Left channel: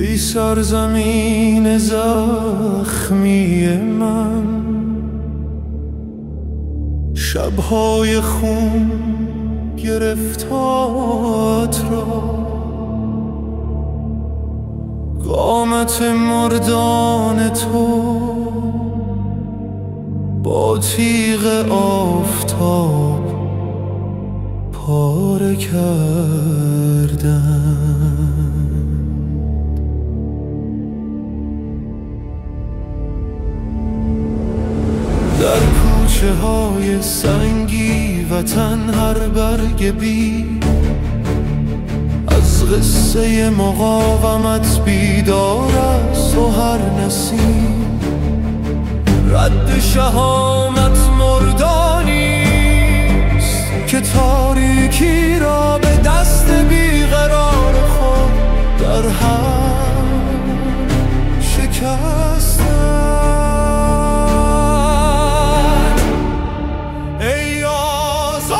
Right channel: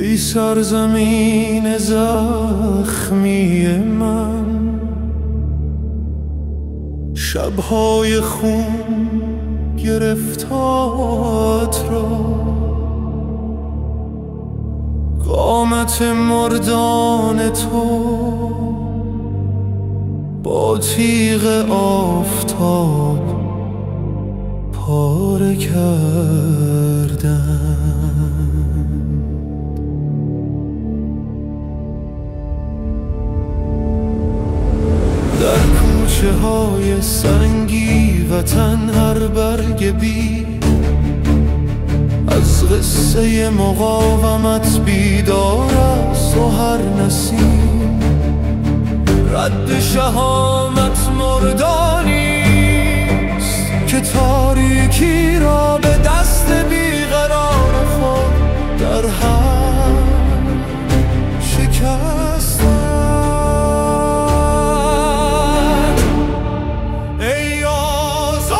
ای سرزمین زخمی من، شبهای خون گرفتات را، قامت مردان تو با تیغ آفتاب پاره کردند. در کوچه های سنگی وطن هر برگ بی از قصه مقاومت بیدار است و هر نسیم رد شهامت مردانیست که تاریکی را به دست بیقرار خود در هم شکستند. ای آزادی،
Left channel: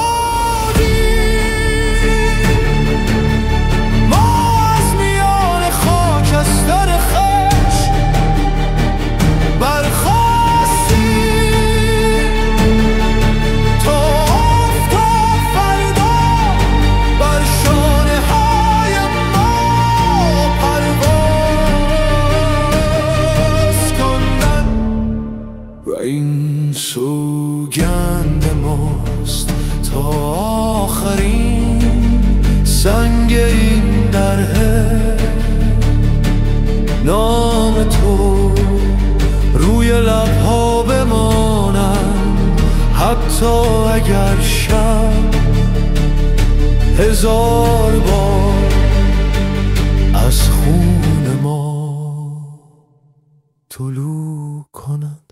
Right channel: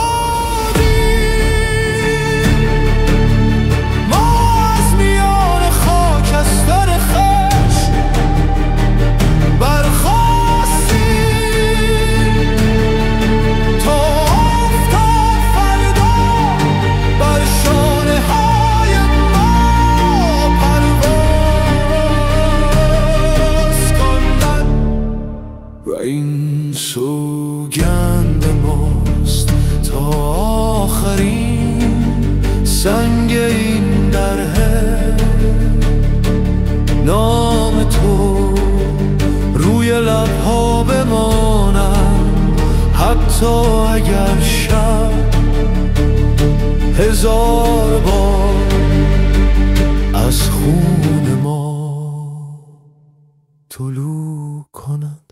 ما از میان خاکستر خشم برخاستیم تا آفتاب فردا بر شانه های ما پرواز کندن. و این سوگند ماست تا آخرین سنگ این دره، نام تو روی لبها بمانند حتی اگر شب هزار بار از خون ما طلوع کند.